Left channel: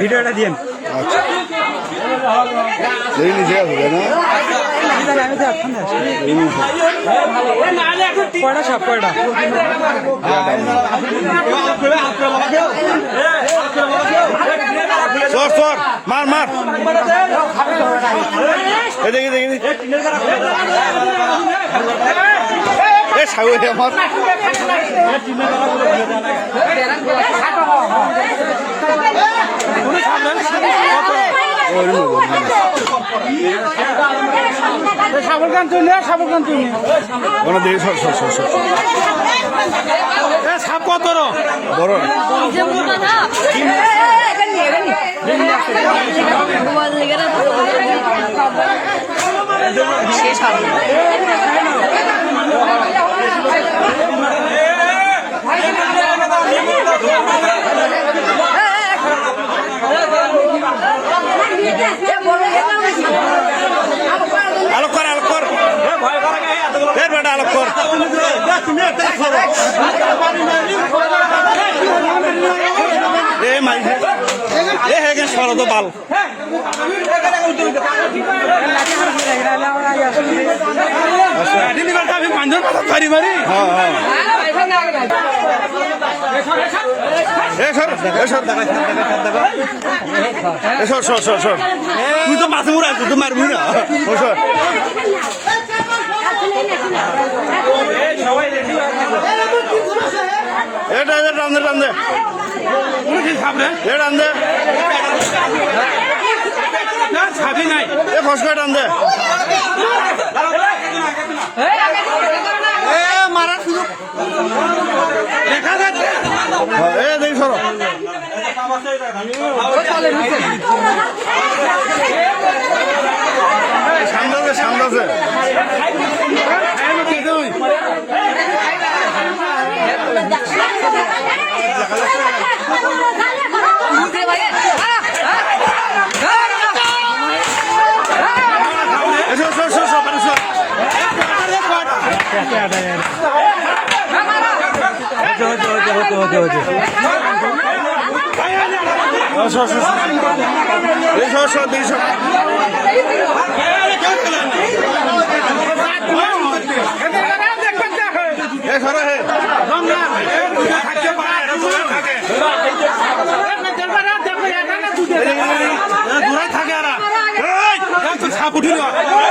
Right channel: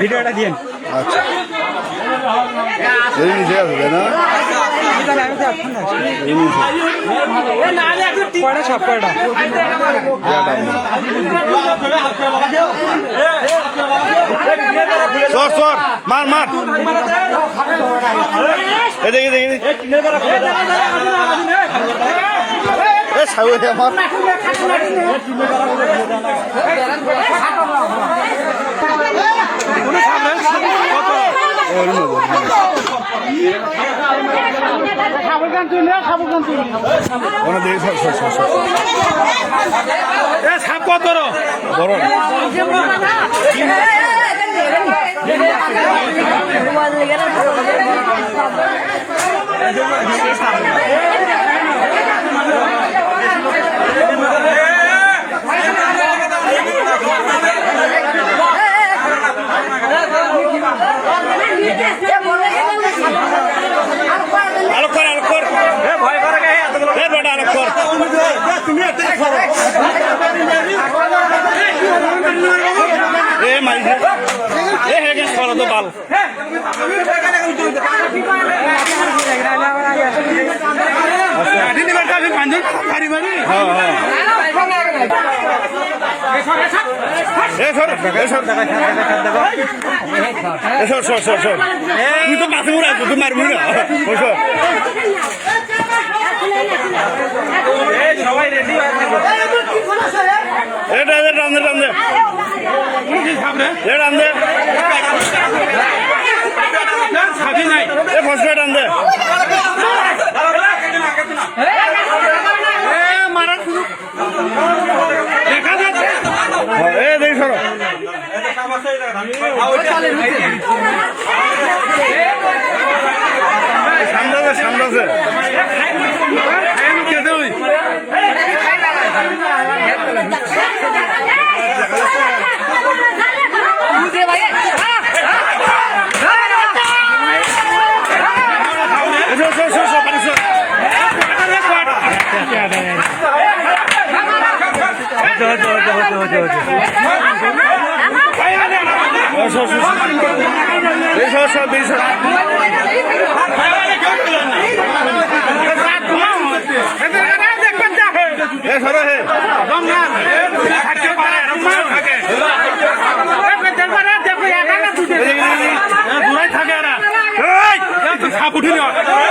ভিডিওটা দিন আচ্ছা এই নিচে আসবে না কয়টা সাপ কয়টা। সর সর, মার মার। এদিকে এদিকে। এ ছাগল আমার সাপ কত বড় না। আলোক কর আলোক কর। ভয় করে গে বেটা আলোক কর। এ মাইছে এ হেগে সরো বাল হ্যাঁ হ্যাঁ তুই তো মাথা মুড়া তুই মারবি না সবাই রেডি এটা এটা টান দে টান দে টান দে ছাবি নাই এ ফসকা টান দে এ দেখি সরো সামনে আছে সামনে সর সর সর সর পানি সর ও সর হে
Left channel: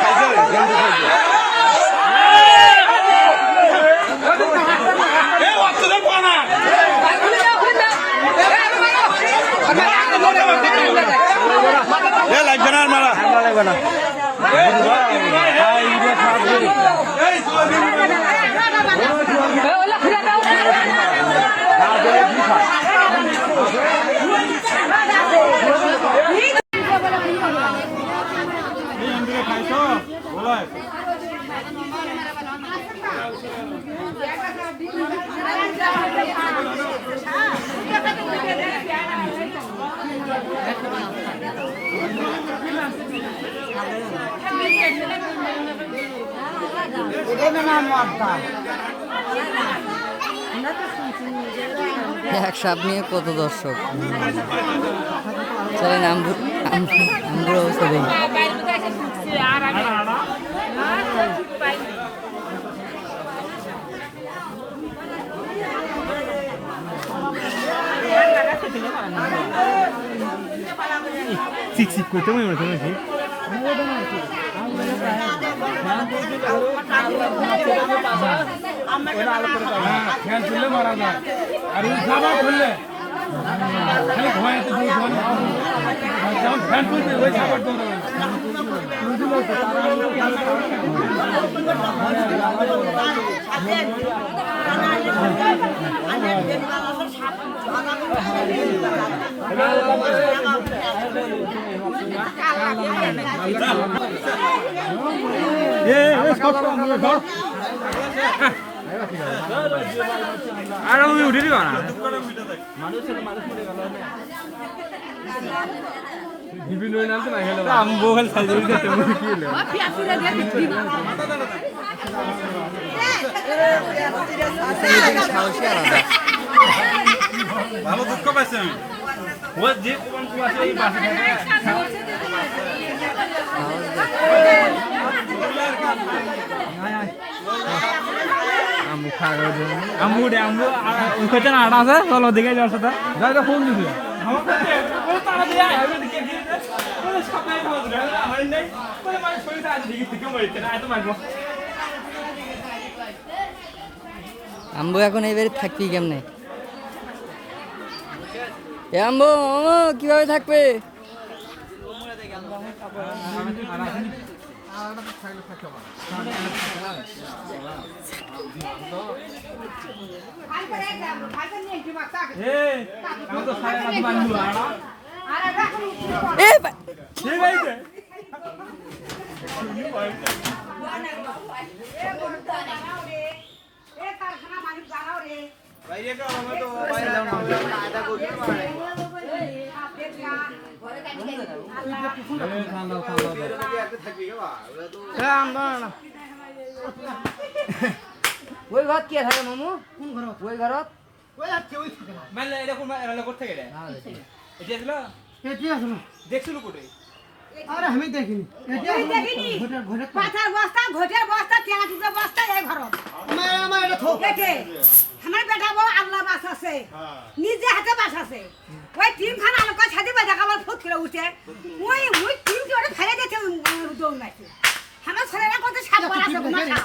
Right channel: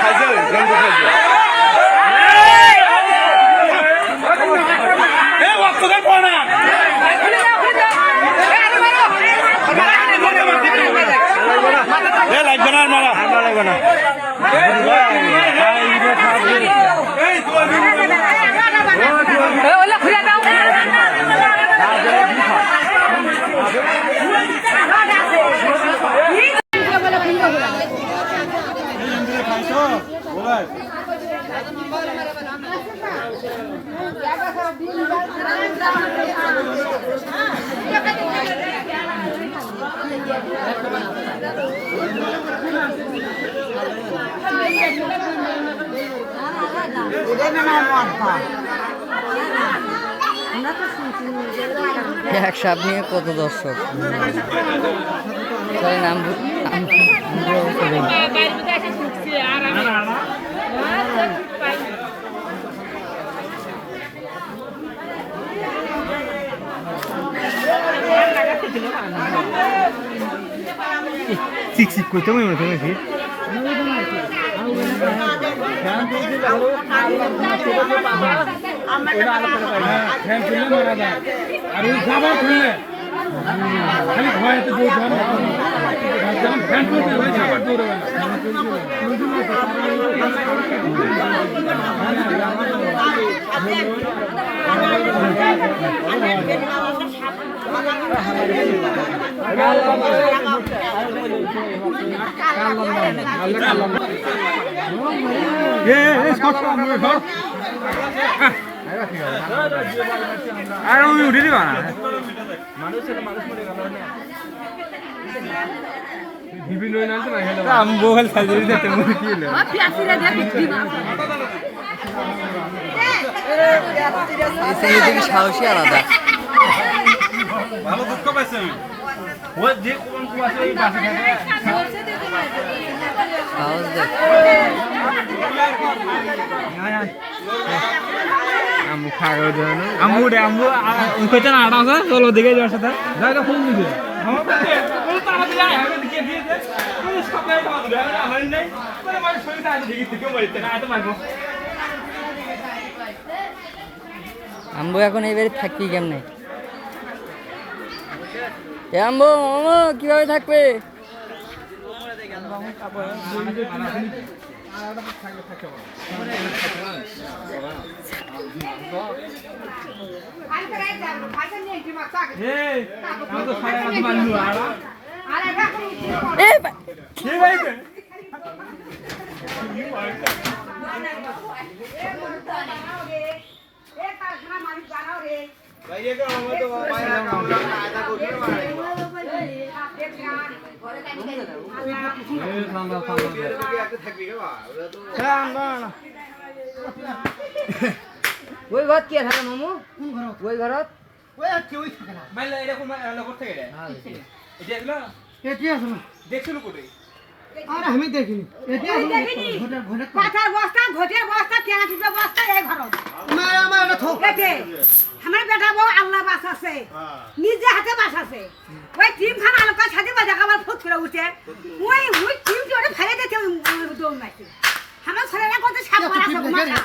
খাইছে গন্ধ খাইছে এ লাগবে না আর মারা লাগবে না এক সাপ নিয়ে কত দর্শক আমগুলো অবস্থা দেখি। চিক চিক করতে মনে হচ্ছে নাকি ফ্যান খুললে মারা যায় আর ওই দূর হবে না সব সব উঠে দিবা না বিভিন্ন নালতে না গেল আমি বল খাই দিতে তুমি কি হলো ইসলামের সাহসী আলাদা ভালো দুঃখ পাইছে ও যে কোন কোন এই পাশে থাকে সাহস দেখ আমু খাগো দেন আমু রে আমু কইতে না আড়া আছে চলো দিকে যাওয়ার সাথে তো ফোন দিবে হয় আম্বু এখন এবারে থাকবি কেমনে এ আম্বু কীভাবে থাকবে থাকবি কালকে নিয়ে কি থাকে এই আমি তো সারা রাত মানবো আর কে ভাইবে এ কারখানা মালিক জানাও রে ওই ঘর কে থাকে মামু ওই ঘরত মাইলে এটা কোন এলা করতে গেলে এটা দেখছিল কোটে তুই দেখিনি। পাথার বস্তা ঘটের বস্তা কেনা টিপে বস্তা এই ঘরত এতে আমার বেটা বউ আল্লাহ বাস আছে। নিজে হাতে বাস আছে। ওই টিম খান আলোক সাথে বাজা কামার ফুট করে উঠে। ওই ওই টিম কে ওটা ফেলে দিতে দৌড় মারছে আমার ছেলেরা কত সাপ আছে মাথা।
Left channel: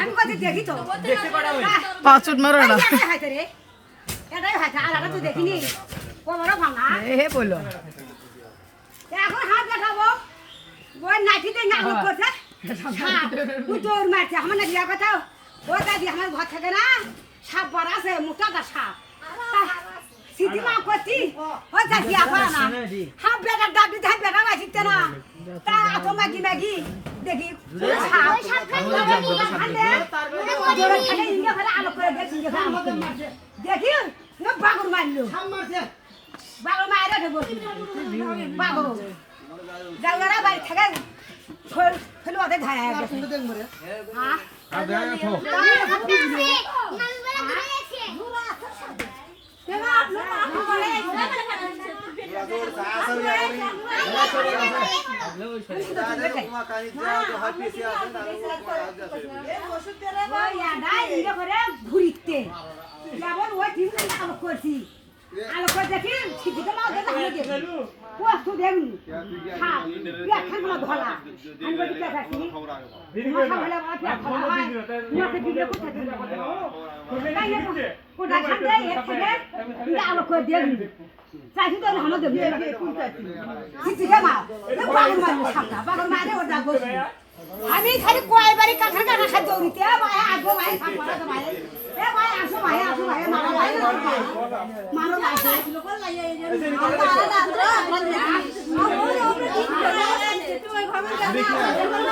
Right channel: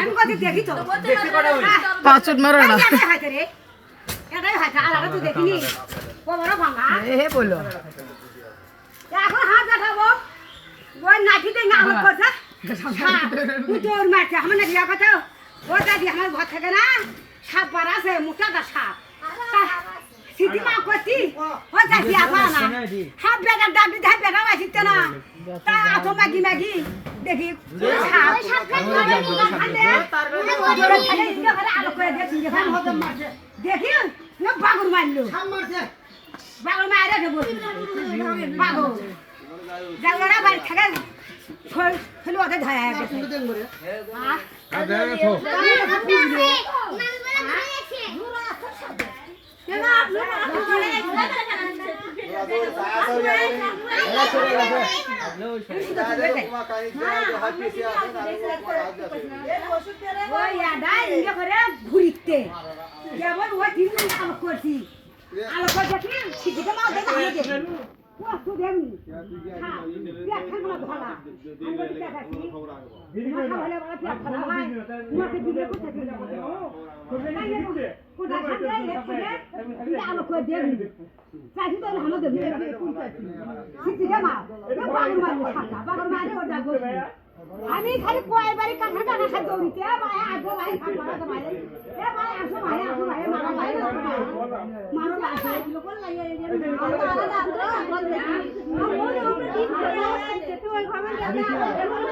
আমি কত দেখি তো? দেখতে পারা ওই পাঁচ মারো না এটাই হাতে তুই দেখিনি? বড় ভাঙা। এ বলল এখন হাত ওই না হোক করছে। দৌড় মারছে। আমার না দিয়া কথা। ও দাদি আমার ঘর থেকে না সাপ বার আছে মোটাটা সাপ। সিদ্ধি মা করছি ও দাদি আপা না হাফ বেটার ডাক দিতে হাফ বেটা মাছিতে না তা আতো ম্যাগি ম্যাগি দেখি সাপ আলো করে দেখি দেখি বাগুর মারলো বাগুর মারে দেবো বাগুর জায়গাটা বাড়ি থেকে ফেলে ওদের ধরা গেছে হ্যাঁ আর দেখা ঘুরিতে যেমন ওই তিন আলো করছি আলো করে দেখি। ছিটিতে মাও দেখে। আমি দেখি। ও তুই দেখি। হ্যাঁ পেট খান না না তাই কোটা খান্দে এক থেকে আলো করে দেখি চাইছি তো হানো দেবি। ছিটিতে মা বাগর মারি। সামনা বাগর মারে ওটা বসি আমি খালি কয়বারই কাঁঠাল কাঁঠাল খাই দৌড়িতে। ভাই আসব ভাই সাপ তো ভাই। এ ভাই আসো ভাই আসো ভাই। মারো ভাই। মারো ভাই। লোকল লাগে আমুসা করেক্ট করেক্ট করে আপনার এই বলে তোর বেটা বলে দেখতে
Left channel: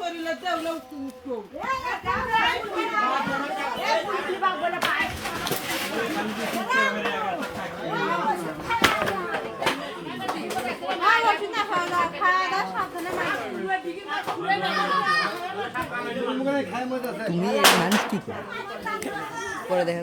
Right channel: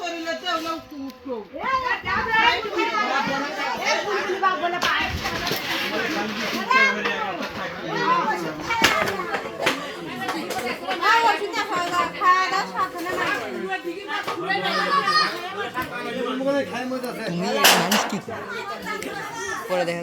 হয় রেল রে খাই তুমি মানুষ কি করে? দেখা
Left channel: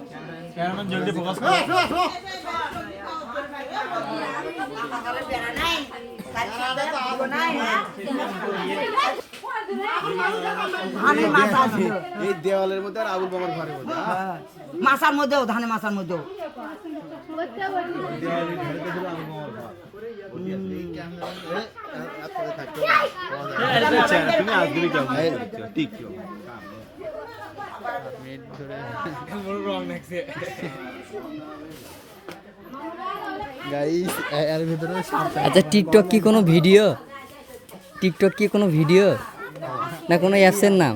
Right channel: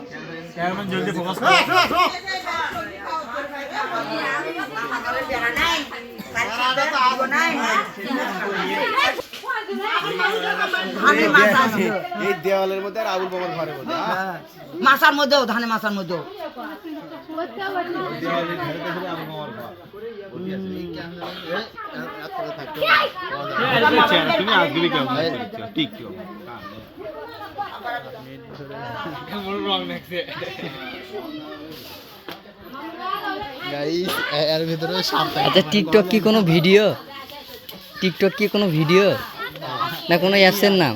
ক্যামেরাম্যান জলদি ফোকাস করো এই দেওয়ালের মধ্যে আর আবুল বাবার ঘরের মধ্যে মাসার মধ্যেও ধানে মাসার মধ্যেও তুমি আসবি কেমন নেক্সে গাইস এর ভিতরে সাপ আচ্ছা টিকটক কি কোনো ভিডিও টিকটক কি কোনো ভিডিও না কোনো অ্যাপসের নাম?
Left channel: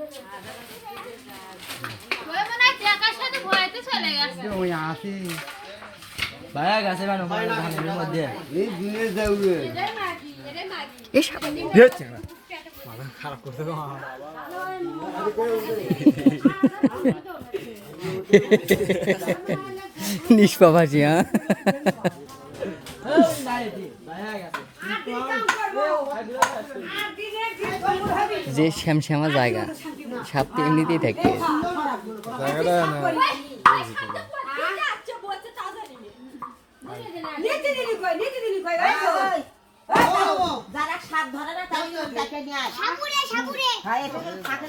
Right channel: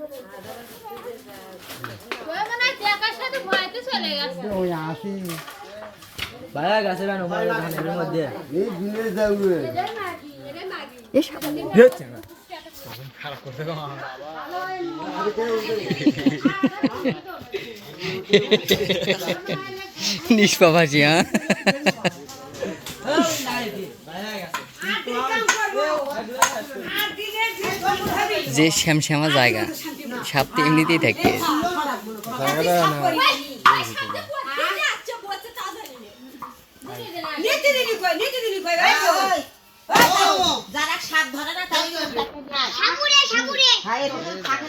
ওই আসি হ্যাঁ? যে শ্যামশ্যামা জায়গা সাপ তো এমনিতেই থাকে নীতি দিলি কই নীতি দিলি কই ওই তো যারা সাপ ধরে না তাই তাকে নিয়ে আসে সাপুরে সাপুরে হ্যাঁ এটা তো থাকে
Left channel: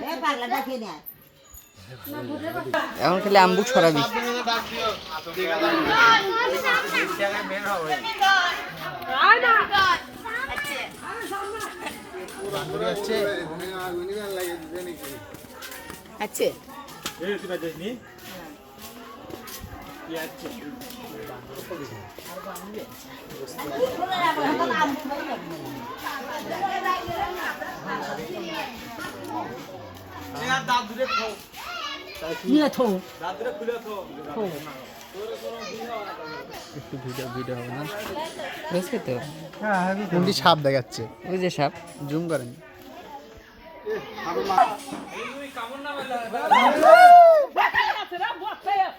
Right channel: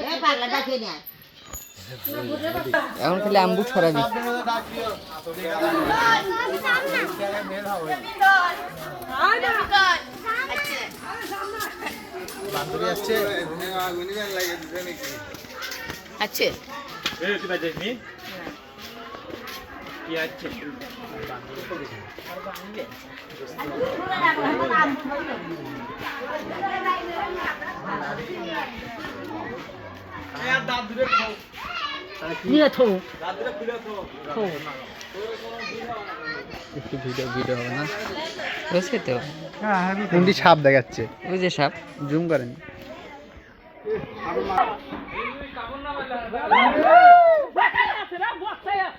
নিয়ে পাগলা নিয়ে আয় এখন খালি আম্বুক সরাবি আছে এই তুই বাজে নি কি আছে দাঁত ধরে খাও নিয়ে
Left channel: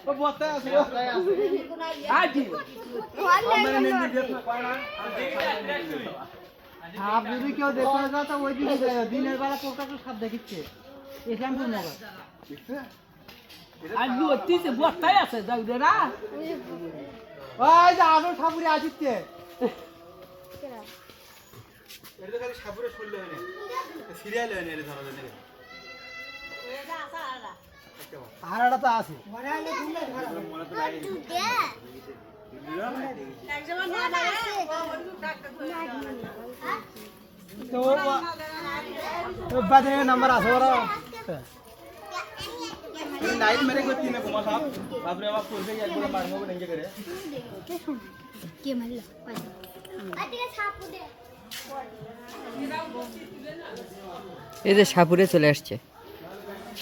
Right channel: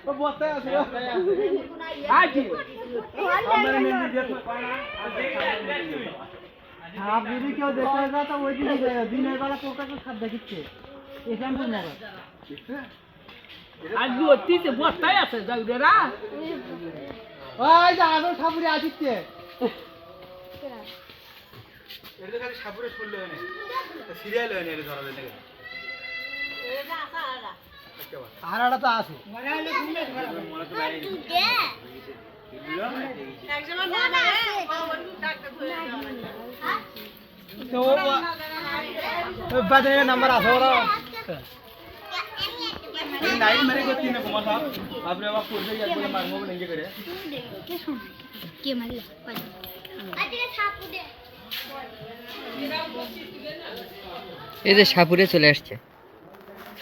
থো দাঁত ধরে খুলে খাও ভিডিও ভিডিও না যে করেন সাপ যদি কেউ দেখতে যায় তো ওই দিকে দিনের বেলা পোকাকে সাপ দেখিচ্ছে ইসলামপুর মগা ওই যে আদর ঠাকুরে আসিচ্ছে। এটা খালি সাপুরে শুনলে হয় না। সিরিয়াল হয় না এটা ধরা যায় না হারাটা তো আছে। নাম্বার আছে ওরা। এই যে সাপুরে চলে আসছে।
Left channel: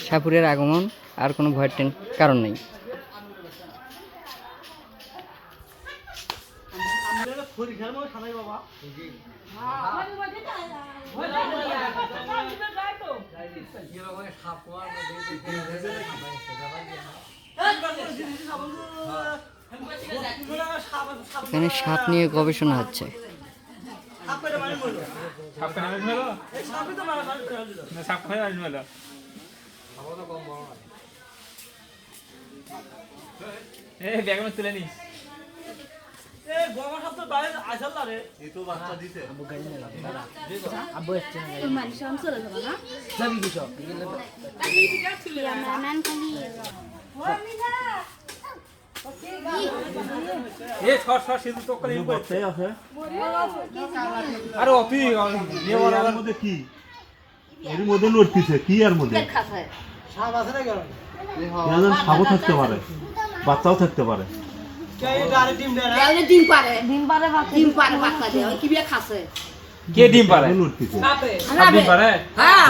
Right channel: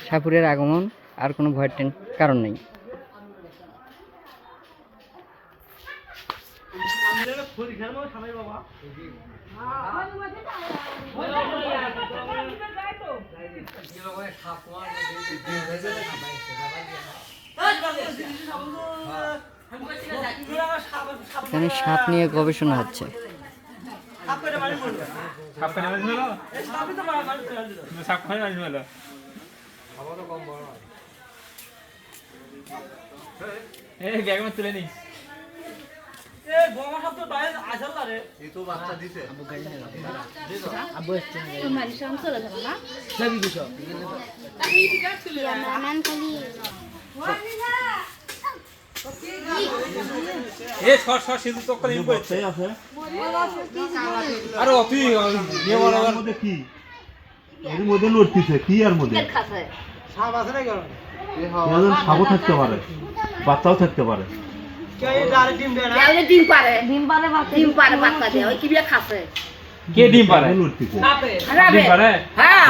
সাপুরের আগমন। আর কোনো ভয়ের টেন কারণ নেই। এখানে সাপ নিয়ে গবেষণা হচ্ছে। সাপ খানে আসবে হলো সাপ খানে আসবে হলো এই ব্যাগ তুলে নিস। আরে মধ্যে কি? এর মধ্যে লড়তিছে। কি এর মধ্যে? সাপ আছে না কেন যেন সাপও থাকতে পারে বাচ্চাও থাকতে পারে। ডিম ডিম দেয় ডিম ডিম হ্যাঁ।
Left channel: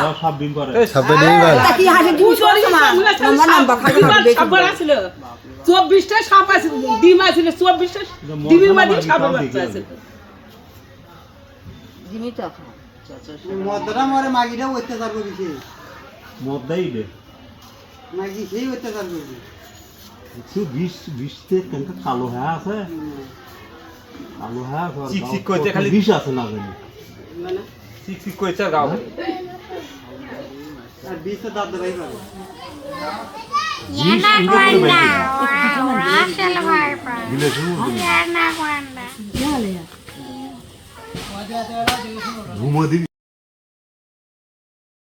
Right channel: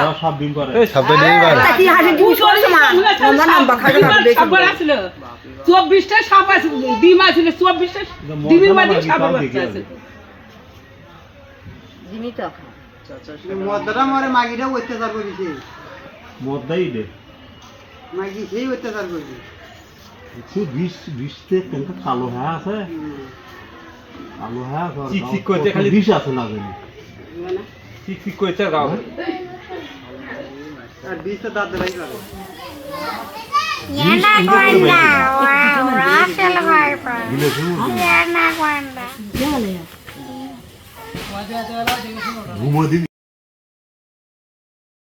ছিল চব্বিশটা সাপ আছে ডিম আছে চব্বিশটা ডিমের মাঝে আছে। মরে মাগিটা অত্যাচার করেছে মদ্দাই দে। মাগি সেই অত্যাচার করেছে? একটু বিষ বিষতে কেনকা কালো হ্যাঁ আছে। কালো হ্যাঁ আছে আর চিকচিক গাও- করছে খালি। বিষ আছে না জানি গাও আর বিষে দাঁত ঘুমো দিবি।